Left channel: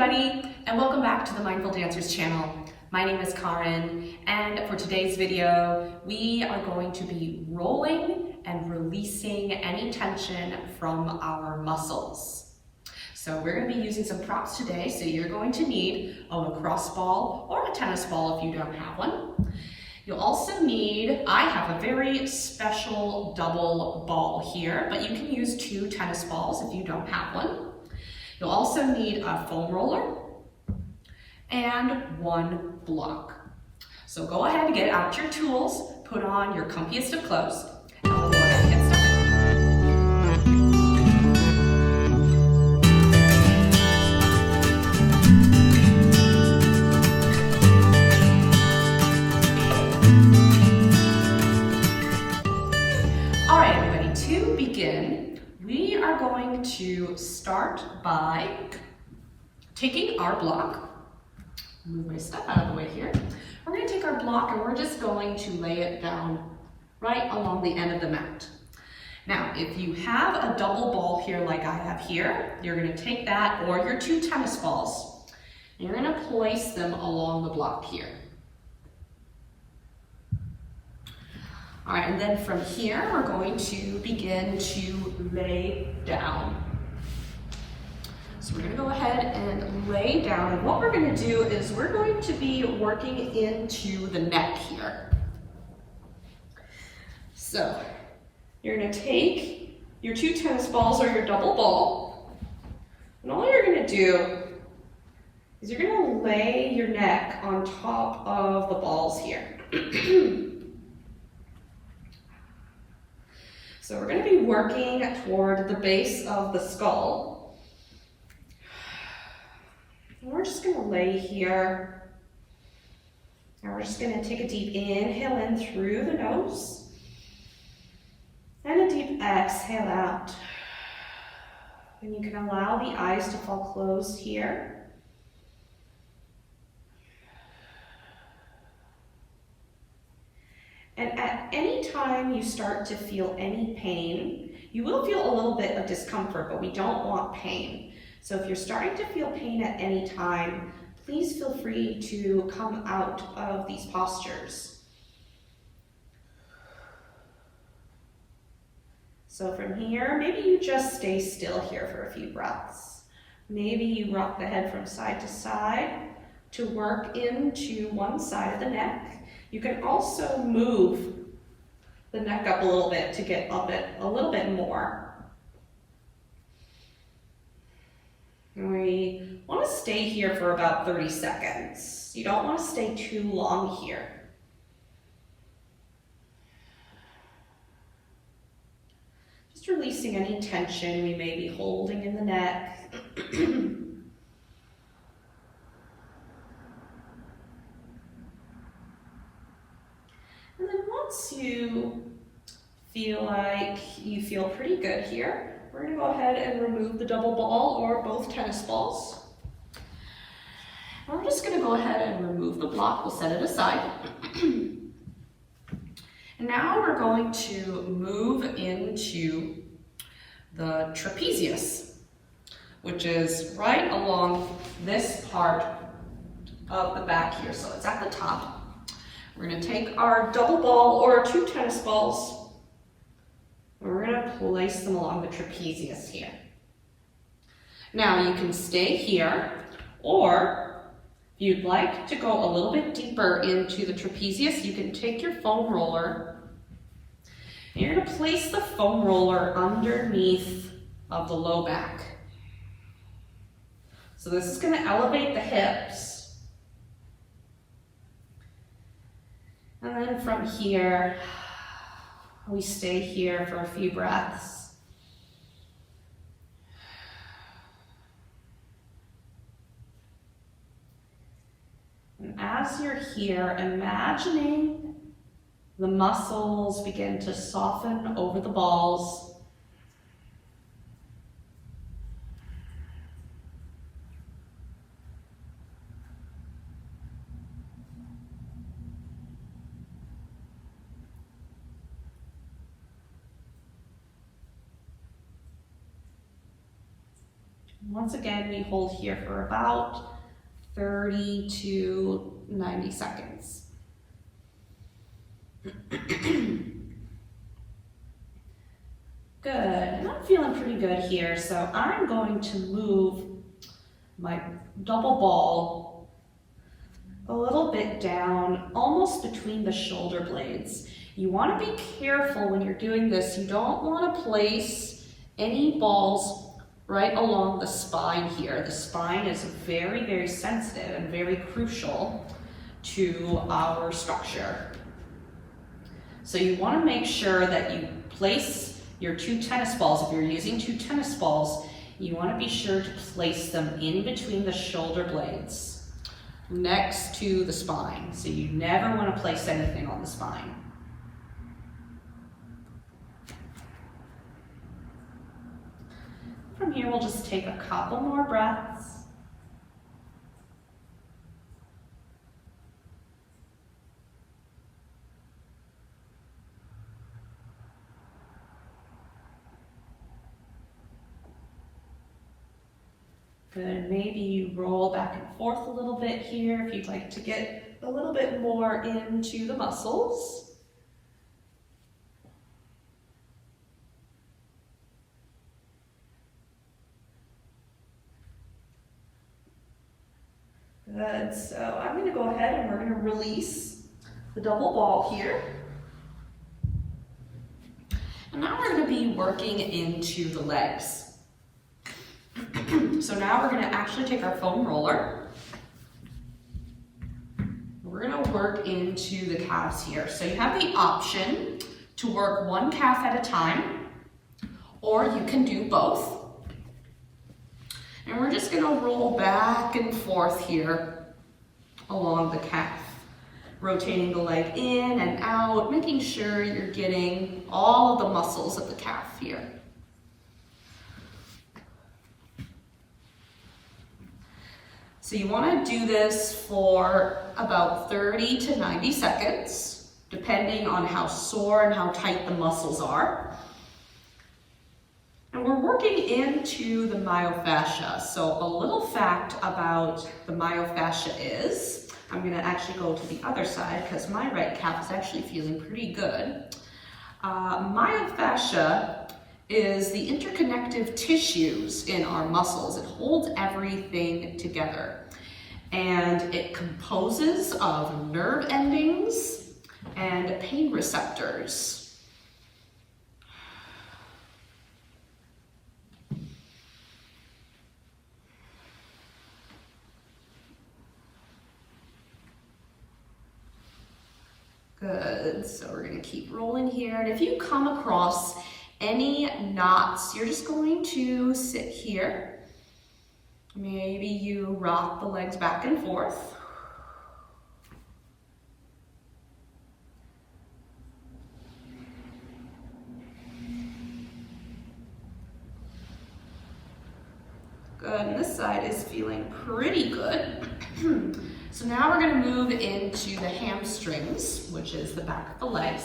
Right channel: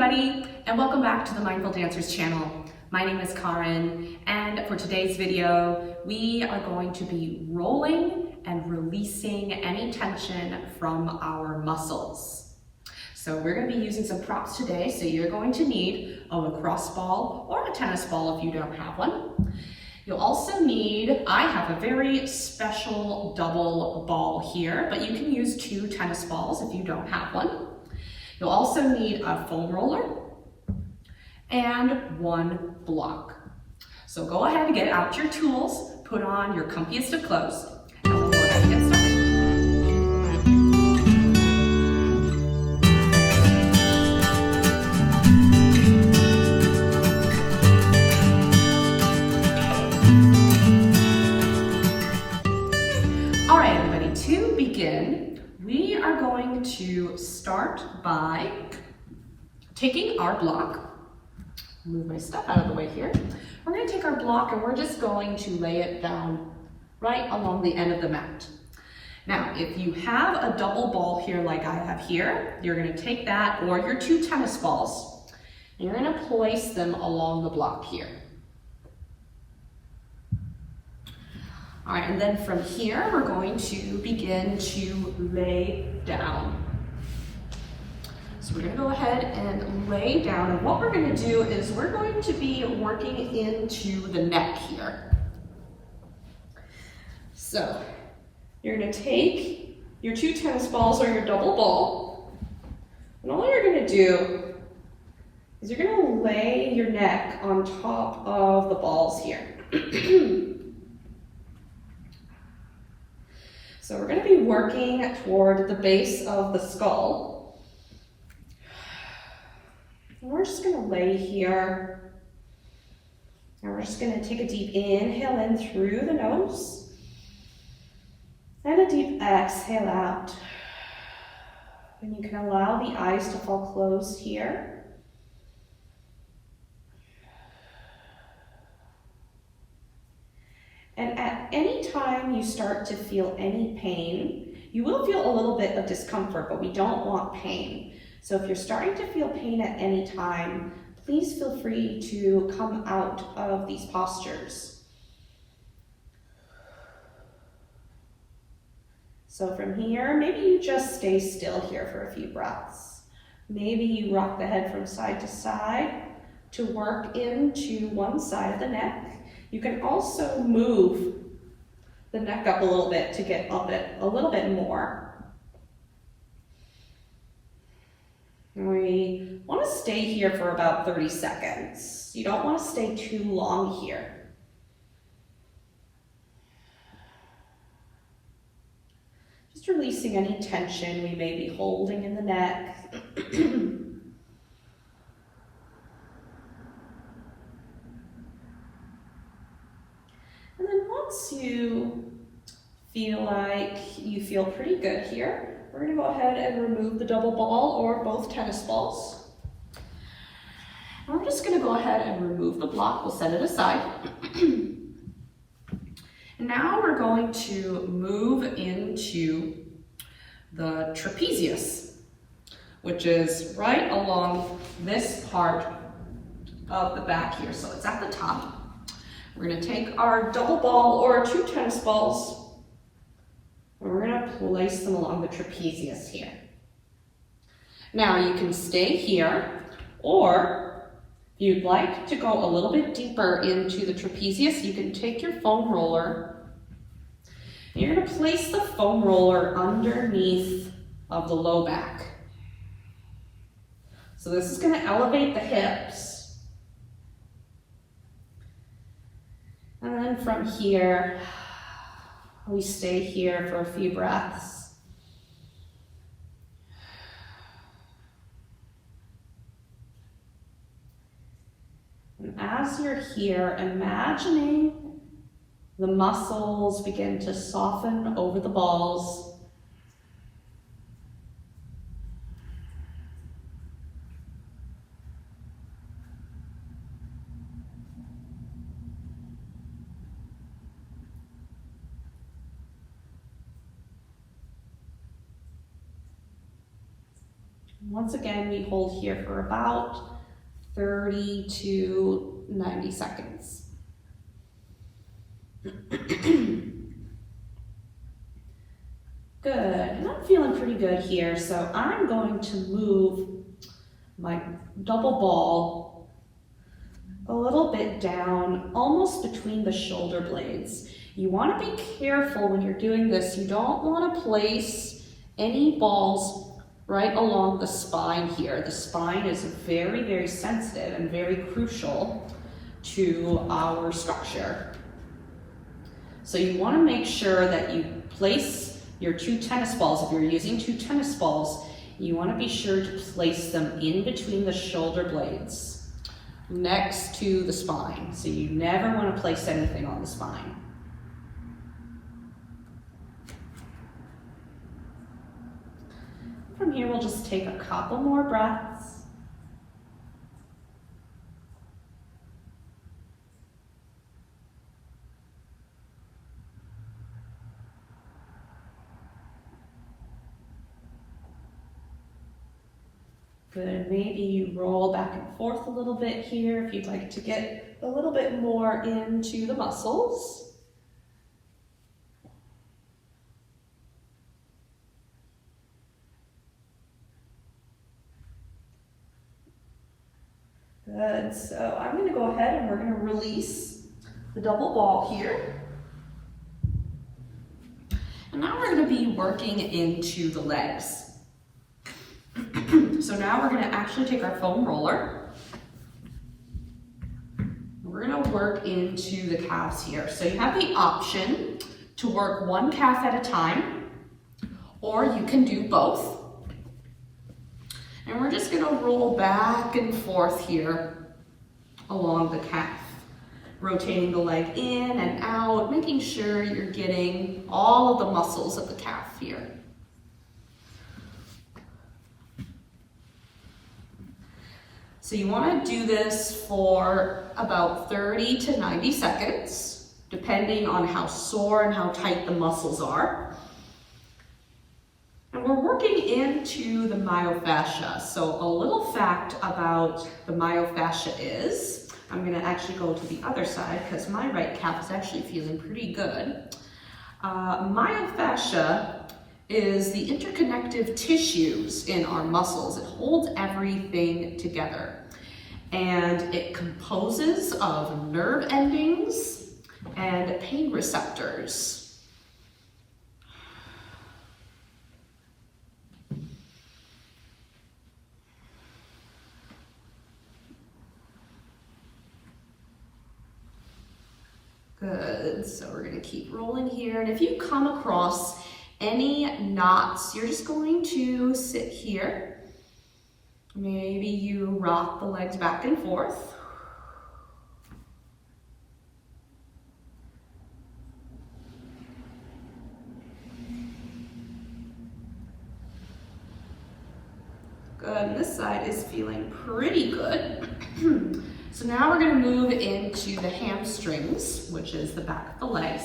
everybody, and welcome back to the Mindful Dancers channel. My name is Karen, and for today's video, we are going to be rolling and releasing any tension from our muscles. So we're going to be using some props today, so you're going to need a lacrosse ball or a tennis ball if you don't have one. You'll also need, I have a very special double ball here, but you can use 2 tennis balls if you don't have one. You'll also need a foam roller and 1 block. So go ahead and get out your tools, put on your comfiest of clothes, and we'll go ahead and get started. All right, everybody, to begin, we are going to start by taking our block. Move my stuff out of the way here. We're going to take our block and we're just going to lay it down right along the end of the mat. Now, if you have a double ball here like I have here, you're going to take that or your 2 tennis balls and you're going to place them along the block here. All right, and then from here, we're going to begin to lay down. So we're gonna go ahead and lay down, and what we're gonna do is we're going to be working into the neck here. So you're gonna take your 2 tennis balls or your double ball, and all you're gonna do is you're gonna lay your neck on top of the balls here. So we're going to be working toward the base of the skull. And we're just going to lay here. And we're just going to take a deep inhale in through the nose. And a deep exhale out. And you can allow the eyes to fall closed here. And at any time you start to feel any pain, you will feel a little bit of discomfort, but we don't want pain. So if you're starting to feel pain at any time, please feel free to come out of these postures. So from here, maybe you just stay still here for a few breaths. Maybe you rock the head from side to side to work into one side of the neck. You can also move the neck up a little bit to get up it a little bit more. We want to stay here for about 30 seconds. You don't want to stay too long here. Just releasing any tension we may be holding in the neck. Once you feel like you feel pretty good here, we're going to go ahead and remove the double ball or both tennis balls. And we're just going to go ahead and remove the block. We'll set it aside. And now we're going to move into the trapezius, which is right along this part of the back here. So it's at the top. We're going to take our double ball or 2 tennis balls, and we're going to place them along the trapezius here. Now you can stay here, or if you'd like to go a little bit deeper into the trapezius, you can take your foam roller, and you're going to place the foam roller underneath of the low back. So this is going to elevate the hips. And then from here, we stay here for a few breaths. And as you're here, imagining the muscles begin to soften over the balls. Once again, we hold here for about 30 to 90 seconds. Good, and I'm feeling pretty good here, so I'm going to move my double ball a little bit down, almost between the shoulder blades. You want to be careful when you're doing this. You don't want to place any balls right along the spine here. The spine is very, very sensitive and very crucial to our structure. So you want to make sure that you place your 2 tennis balls. If you're using 2 tennis balls, you want to be sure to place them in between the shoulder blades, next to the spine. So you never want to place anything on the spine. From here, we'll just take a couple more breaths. Good, maybe you roll back and forth a little bit here if you'd like to get a little bit more into the muscles. Good, so I'm going to go ahead and we're going to release the double ball here. And now we're going to be working into the legs. So now we're going to actually take our foam roller. We're going to work into the calves here. So you have the option to work one calf at a time, or you can do both. And we're just going to roll back and forth here along the calf, rotating the leg in and out, making sure you're getting all of the muscles of the calf here. So you want to do this for about 30 to 90 seconds, depending on how sore and how tight the muscles are. And we're working into the myofascia. So a little fact about the myofascia is, I'm going to actually go to the other side because my right calf is actually feeling pretty good. Myofascia is the interconnective tissues in our muscles. It holds everything together. And it composes of nerve endings and pain receptors. Good, so we're going to keep rolling here. And if you come across any knots, you're just going to sit here. Maybe you rock the legs back and forth. Good, and this side is feeling pretty good. So now we're going to move into the hamstrings, which is the back of the legs.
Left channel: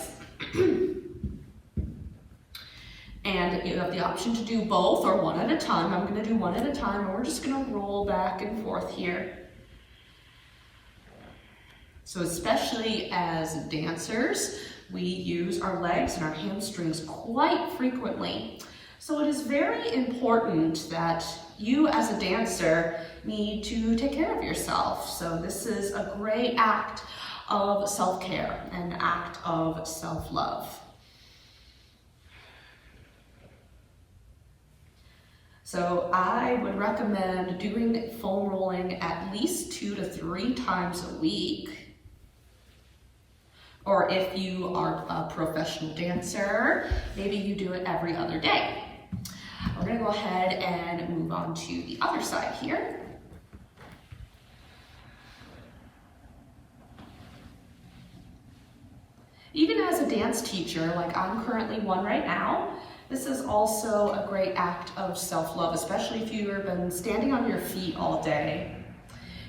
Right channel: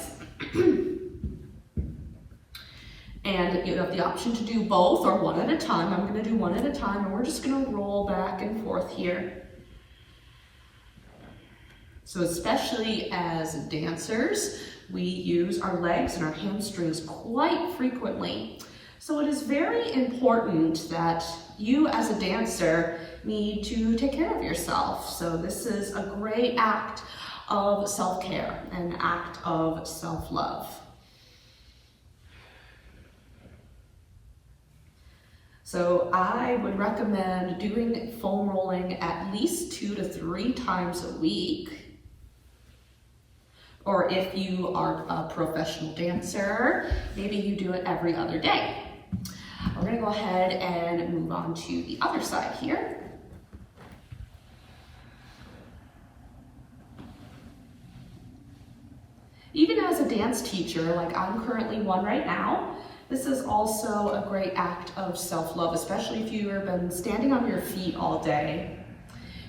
And you have the option to do both or one at a time. I'm going to do one at a time, and we're just going to roll back and forth here. So especially as dancers, we use our legs and our hamstrings quite frequently. So it is very important that you as a dancer need to take care of yourself. So this is a great act of self-care, an act of self-love. So I would recommend doing foam rolling at least 2 to 3 times a week. Or if you are a professional dancer, maybe you do it every other day. We're going to go ahead and move on to the other side here. Even as a dance teacher, like I'm currently one right now, this is also a great act of self-love, especially if you have been standing on your feet all day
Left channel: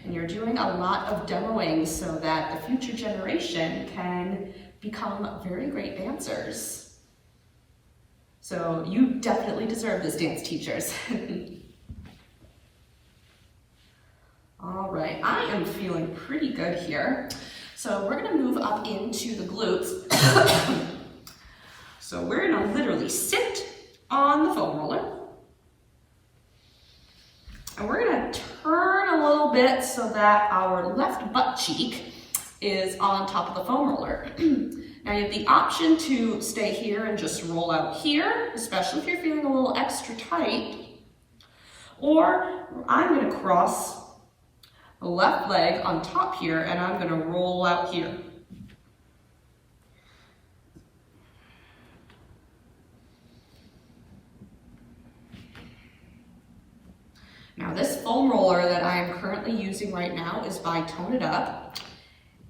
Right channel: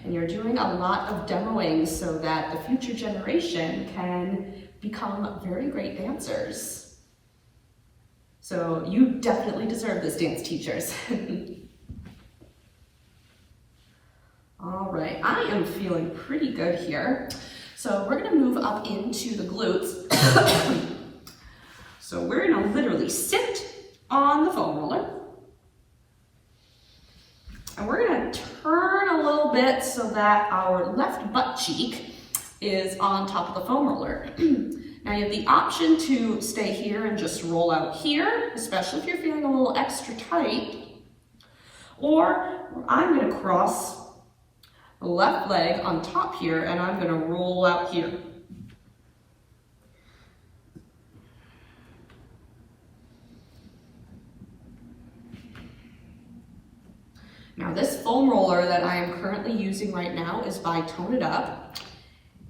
and you're doing a lot of demoing so that the future generation can become very great dancers. So you definitely deserve this, dance teachers. right, I am feeling pretty good here. So we're gonna move up into the glutes. So we're gonna literally sit on the foam roller. And we're gonna turn a little bit so that our left butt cheek is on top of the foam roller. Now you have the option to stay here and just roll out here, especially if you're feeling a little extra tight. Or I'm gonna cross the left leg on top here and I'm gonna roll out here. Now this foam roller that I am currently using right now is by Tone It Up,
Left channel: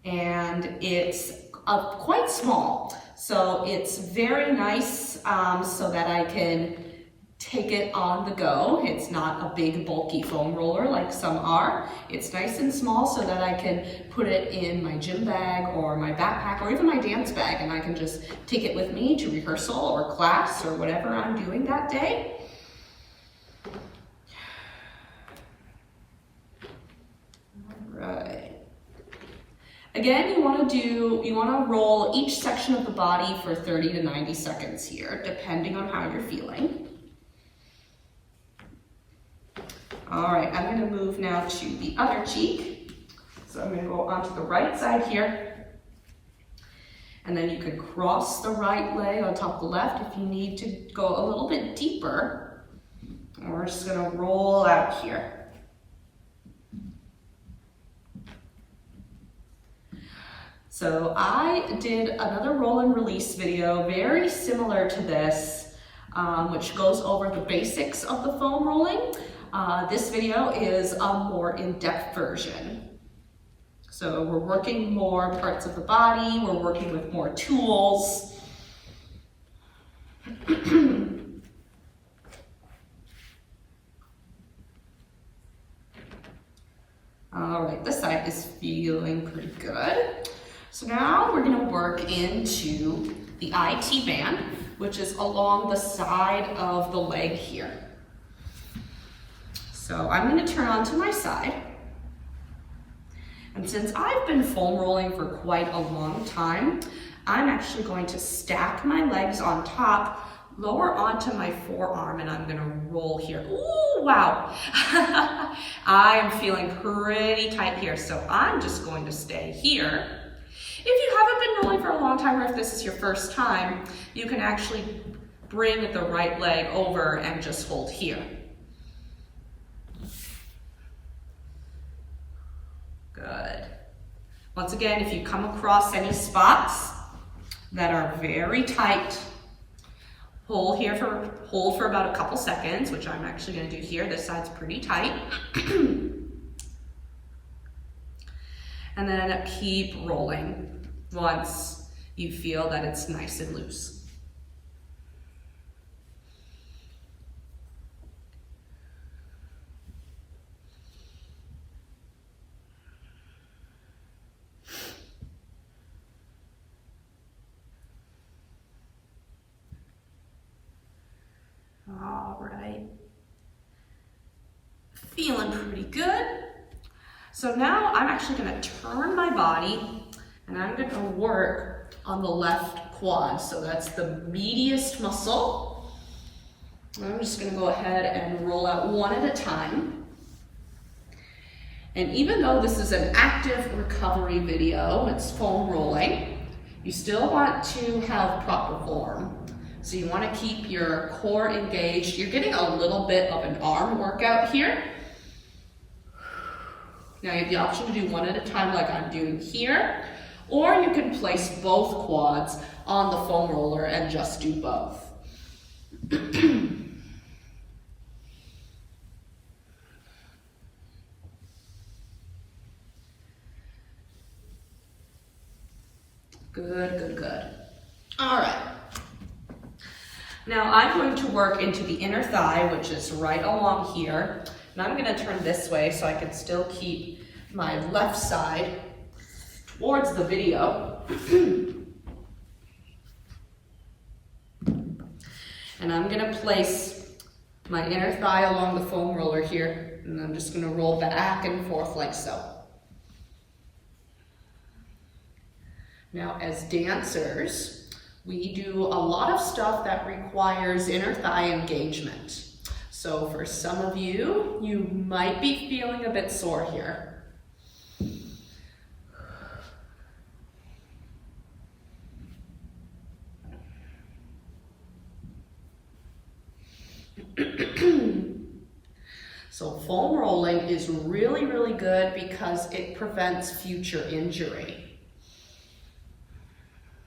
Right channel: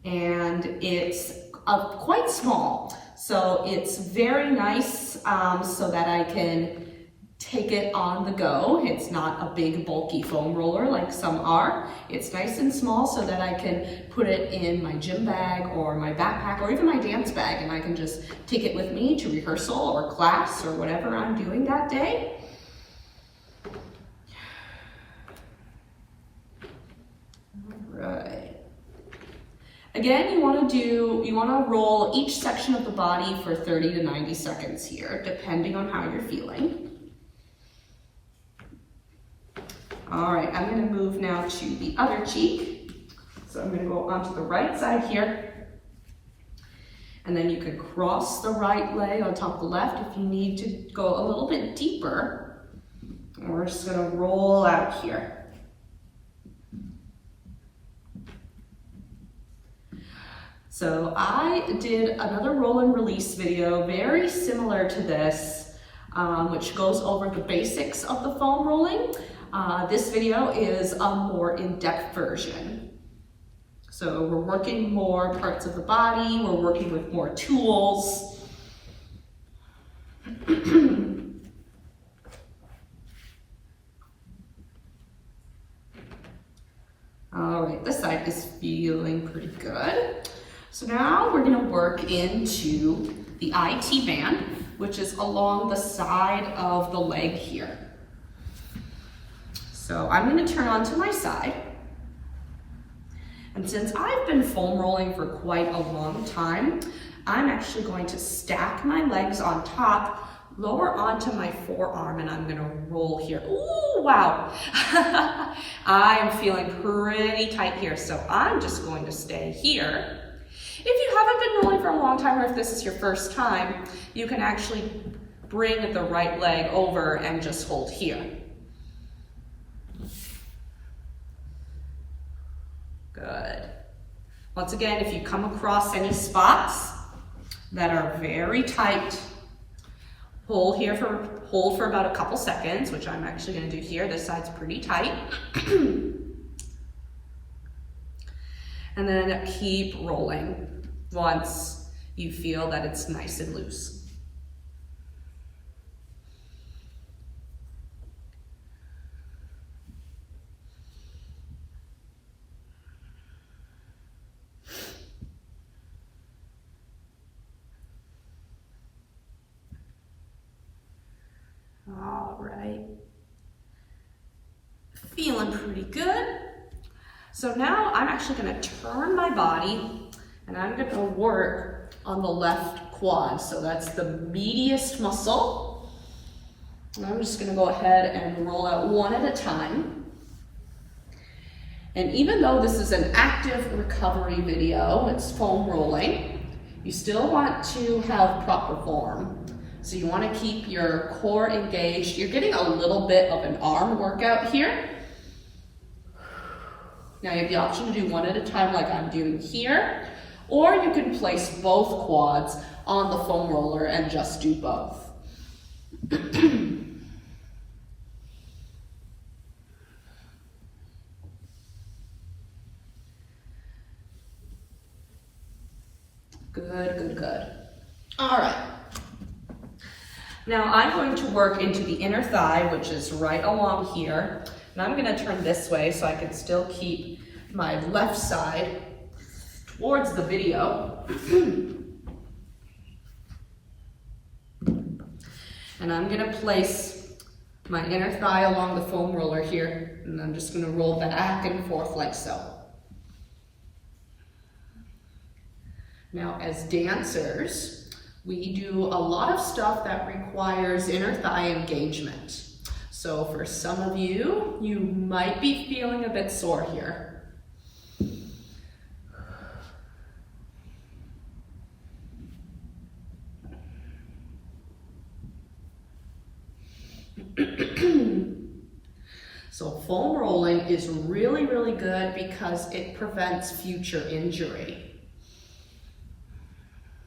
and it's quite small. So it's very nice so that I can take it on the go. It's not a big bulky foam roller like some are. It's nice and small so that I can put it in my gym bag or my backpack or even my dance bag, and I can just take it with me to rehearsal or class or whatever I'm doing that day. Right. Again, you want to roll each section of the body for 30 to 90 seconds here, depending on how you're feeling. All right, I'm going to move now to the other cheek. So I'm going to go onto the right side here. And then you could cross the right leg on top of the left if you need to go a little bit deeper. And we're just going to roll out here. So I did another roll and release video very similar to this, which goes over the basics of the foam rolling. This video is a more in-depth version. So we're working more parts of the body, we're working with more tools. All right, this side is feeling pretty good. So now we're gonna work into the IT band, which is along the side of the leg here. So I'm gonna turn onto my side. And since I've been foam rolling for quite a long time, I'm actually going to stack my legs on top, lower onto my forearm, and I'm gonna roll here. Ooh, wow. I am feeling pretty tight here, so I'm just going to stay here. If you haven't been rolling for a long time, or if this is your first time, you can actually bring the right leg over and just hold here. Good. Once again, if you come across any spots that are very tight, hold for about a couple seconds, which I'm actually going to do here. This side's pretty tight. And then keep rolling once you feel that it's nice and loose. All right. Feeling pretty good. So now I'm actually going to turn my body and I'm going to work on the left quad. So that's the medius muscle. And I'm just going to go ahead and roll out one at a time. And even though this is an active recovery video, it's foam rolling, you still want to have proper form. So you want to keep your core engaged. You're getting a little bit of an arm workout here. Now you have the option to do one at a time like I'm doing here, or you can place both quads on the foam roller and just do both. Good, good, good. All right. Now I'm going to work into the inner thigh, which is right along here. And I'm going to turn this way so I can still keep my left side towards the video. And I'm going to place my inner thigh along the foam roller here, and I'm just gonna roll back and forth like so. Now, as dancers, we do a lot of stuff that requires inner thigh engagement. So for some of you, you might be feeling a bit sore here. So foam rolling is really, really good because it prevents future injury.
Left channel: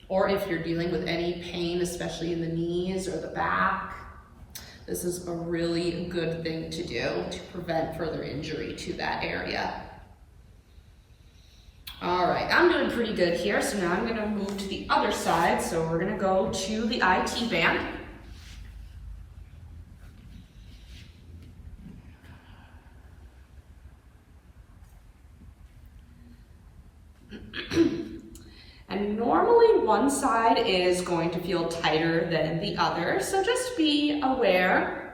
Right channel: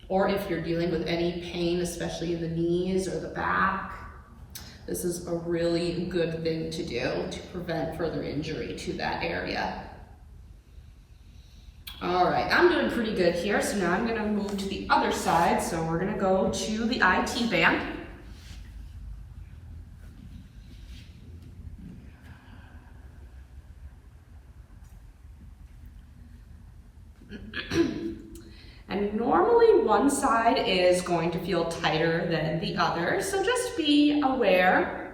Or if you're dealing with any pain, especially in the knees or the back, this is a really good thing to do to prevent further injury to that area. All right, I'm doing pretty good here, so now I'm gonna move to the other side. So we're gonna go to the IT band. And normally one side is going to feel tighter than the other, so just be aware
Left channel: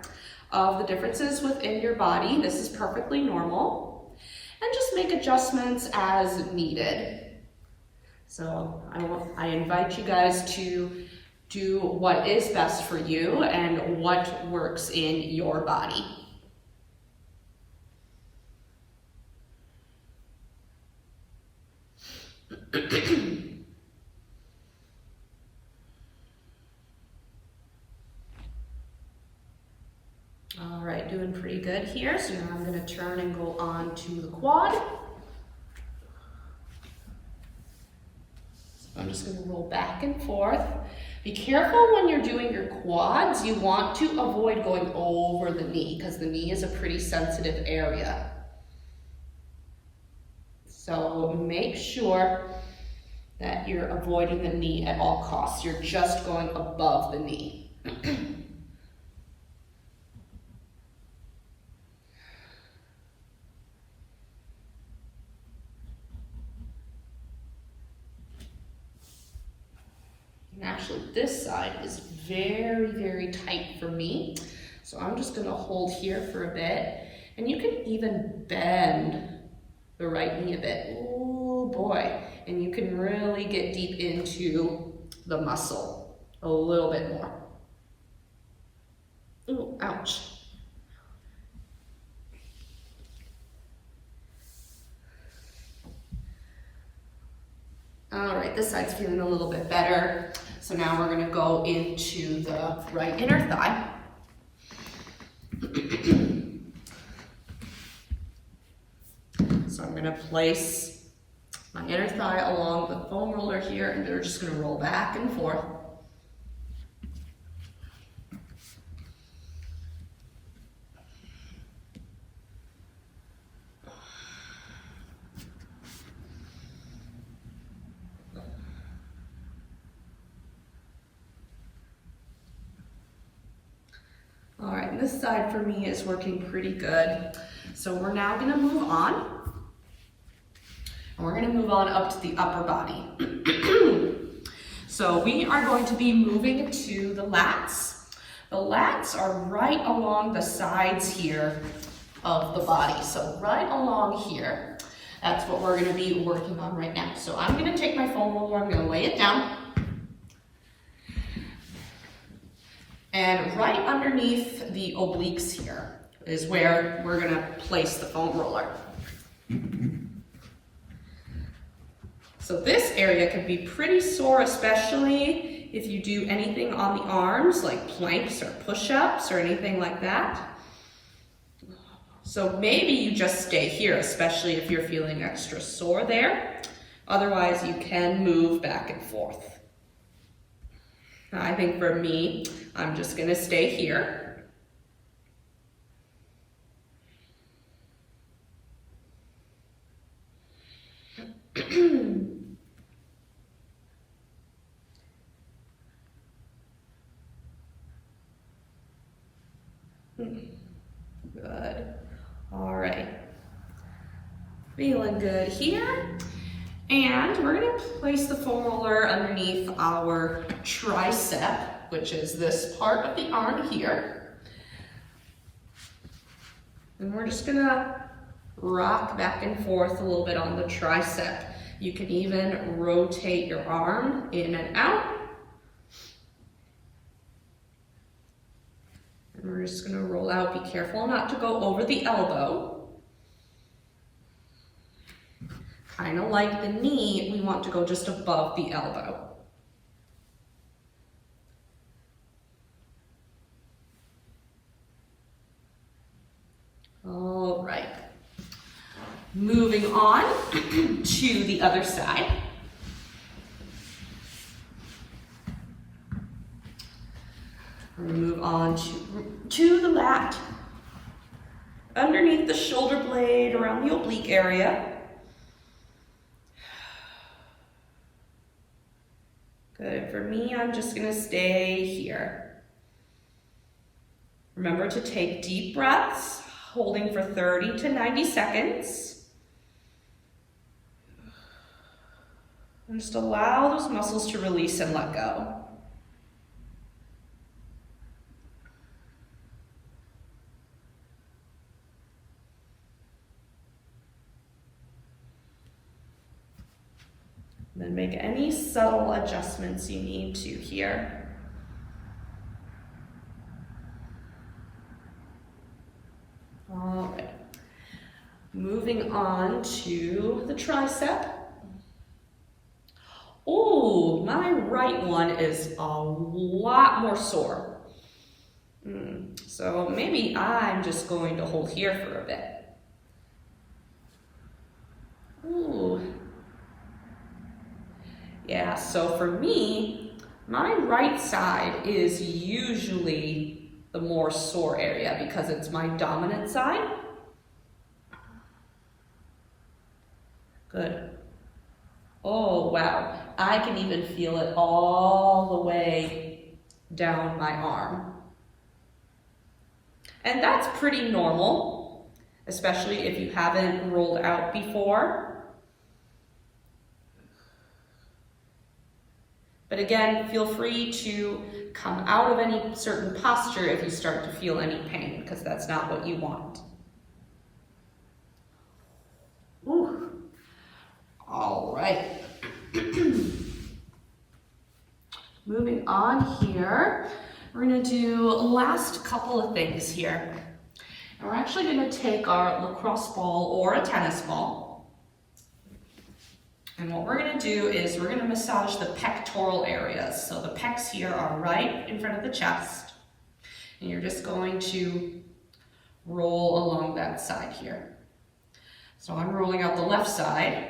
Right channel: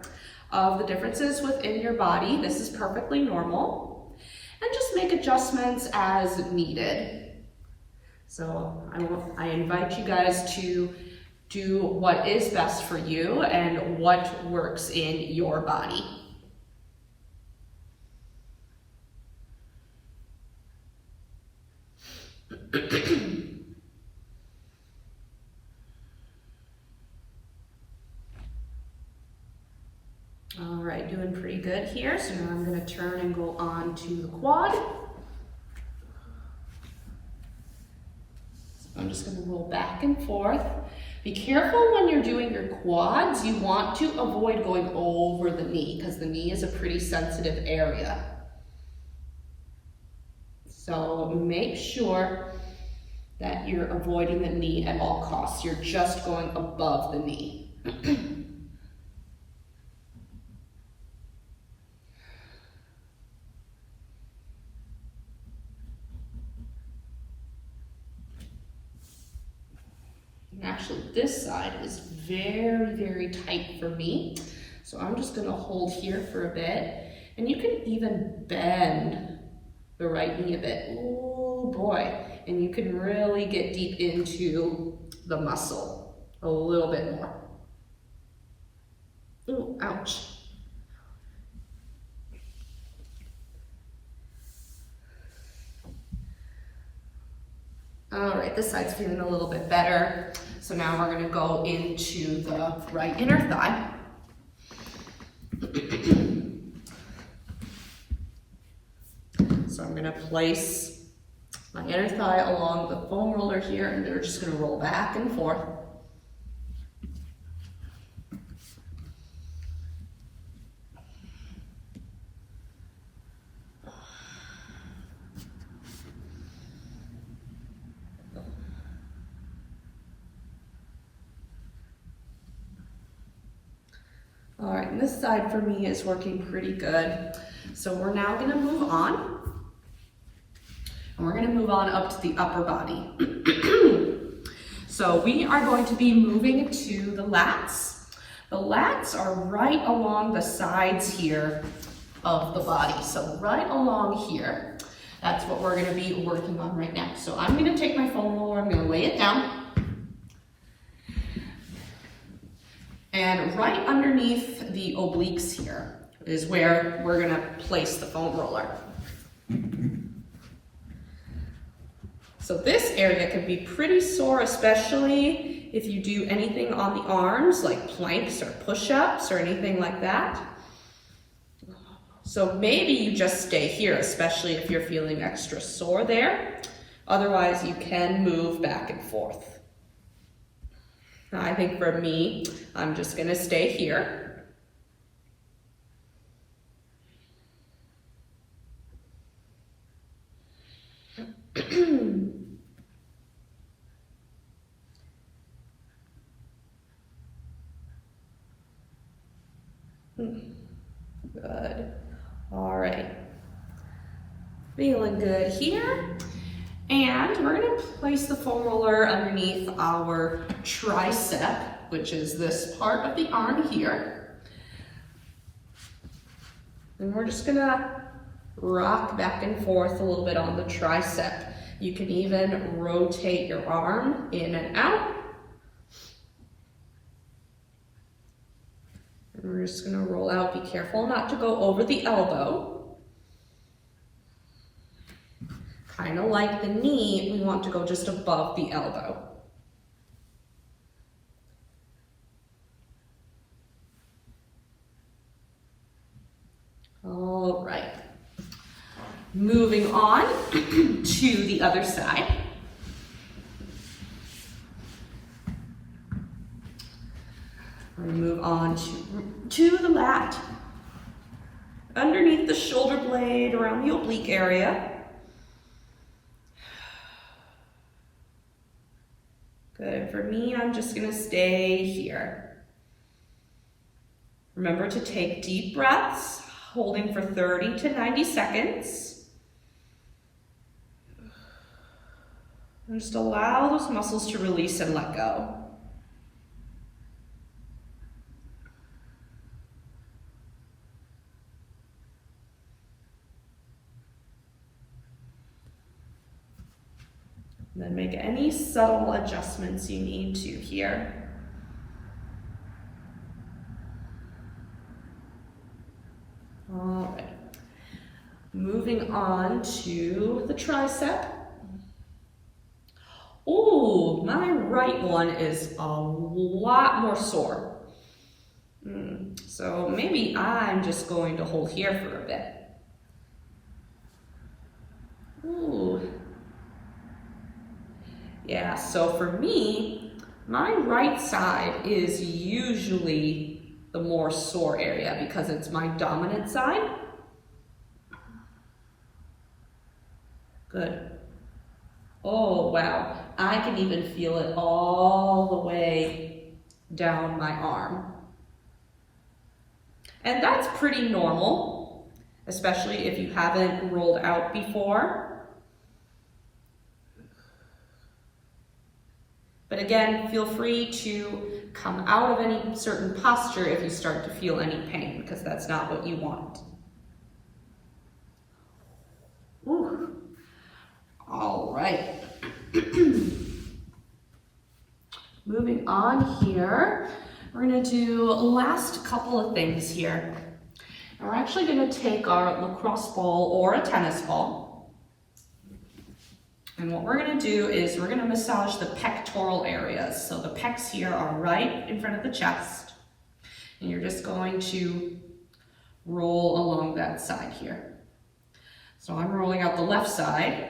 of the differences within your body. This is perfectly normal, and just make adjustments as needed. So I invite you guys to do what is best for you and what works in your body. All right, doing pretty good here. So now I'm going to turn and go on to the quad. I'm just going to roll back and forth. Be careful when you're doing your quads. You want to avoid going over the knee because the knee is a pretty sensitive area. So make sure that you're avoiding the knee at all costs. You're just going above the knee. Actually, this side is very, very tight for me. So I'm just gonna hold here for a bit. And you can even bend the right knee a bit. Oh boy. And you can really get deep into the muscle a little bit more. Ooh, ouch. All right, this side's feeling a little bit better. So now we're gonna go into the right inner thigh. So I'm gonna place my inner thigh along the foam roller here, and they're just gonna roll back and forth. All right, and this side for me is working pretty good. So we're now gonna move on. And we're gonna move on up to the upper body. So we are going to be moving to the lats. The lats are right along the sides here of the body. So right along here, that's what we're gonna be working on right now. So I'm gonna take my foam roller, I'm gonna lay it down. And right underneath the obliques here is where we're gonna place the foam roller. So this area can be pretty sore, especially if you do anything on the arms, like planks or push-ups or anything like that. So maybe you just stay here, especially if you're feeling extra sore there. Otherwise, you can move back and forth. I think for me, I'm just gonna stay here. Good. All right. Feeling good here. And we're gonna place the foam roller underneath our tricep, which is this part of the arm here. And we're just gonna rock back and forth a little bit on the tricep. You can even rotate your arm in and out. And we're just gonna roll out. Be careful not to go over the elbow. Kind of like the knee, we want to go just above the elbow. All right. Moving on to the other side. We're going to move on to the lat. Underneath the shoulder blade, around the oblique area. Good. For me, I'm just going to stay here. Remember to take deep breaths, holding for 30 to 90 seconds. And just allow those muscles to release and let go. And then make any subtle adjustments you need to here. All right. Moving on to the tricep. Ooh, my right one is a lot more sore. So maybe I'm just going to hold here for a bit. Ooh. Yeah, so for me, my right side is usually the more sore area because it's my dominant side. Good. Oh, wow. I can even feel it all the way down my arm. And that's pretty normal, especially if you haven't rolled out before. But again, feel free to come out of any certain posture if you start to feel any pain, because that's not what you want. Ooh. All right. Moving on here, we're going to do last couple of things here. And we're actually going to take our lacrosse ball or a tennis ball. And what we're going to do is we're going to massage the pectoral areas. So the pecs here are right in front of the chest. And you're just going to roll along that side here. So I'm rolling out the left side.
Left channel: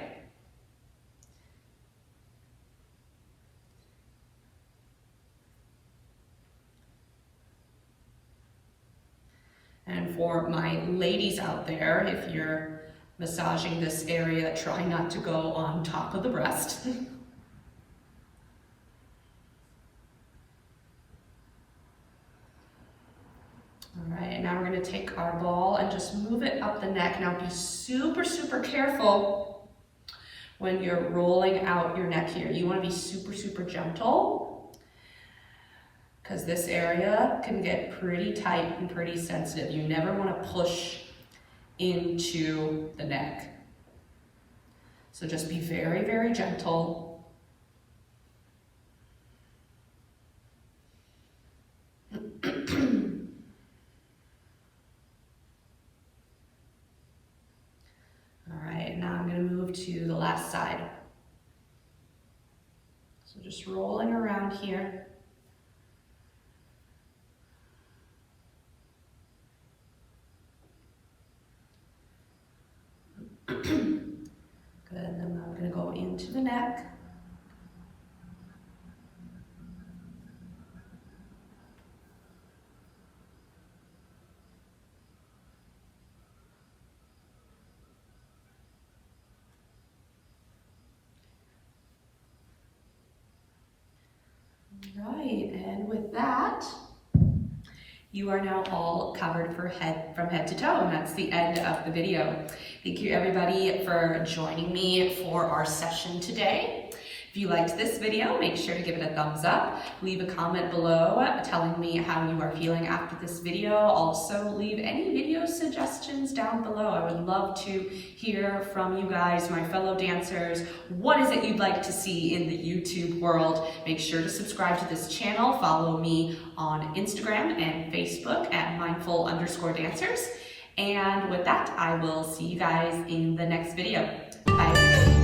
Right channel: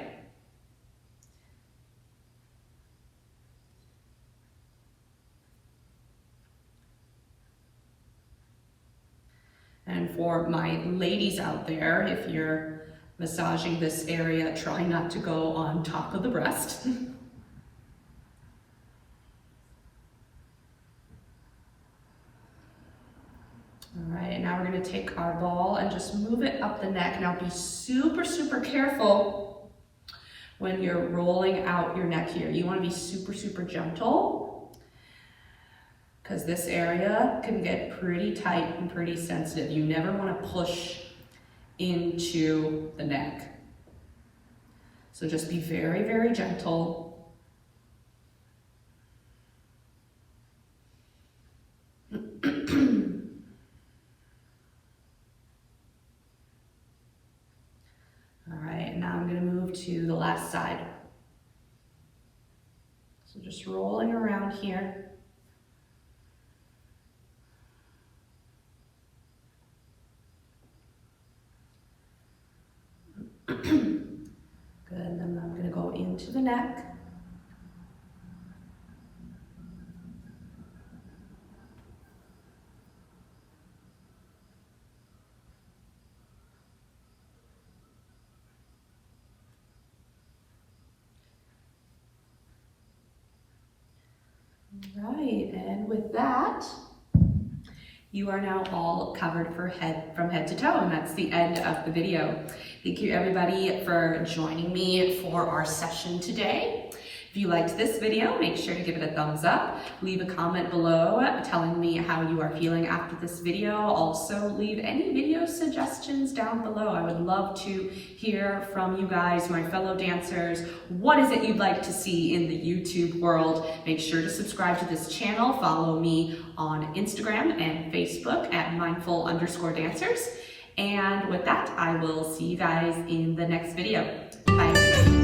And for my ladies out there, if you're massaging this area, try not to go on top of the breast. All right, now we're going to take our ball and just move it up the neck. Now be super, super careful when you're rolling out your neck here. You want to be super, super gentle, because this area can get pretty tight and pretty sensitive. You never want to push into the neck. So just be very, very gentle. All right, now I'm going to move to the last side. So just rolling around here. Good, and then I'm going to go into the neck. All right, and with that, you are now all covered from head to toe, and that's the end of the video. Thank you everybody for joining me for our session today. If you liked this video, make sure to give it a thumbs up. Leave a comment below telling me how you are feeling after this video. Also, leave any video suggestions down below. I would love to hear from you guys, my fellow dancers. What is it you'd like to see in the YouTube world? Make sure to subscribe to this channel. Follow me on Instagram and Facebook at mindful_dancers. And with that, I will see you guys in the next video. Bye.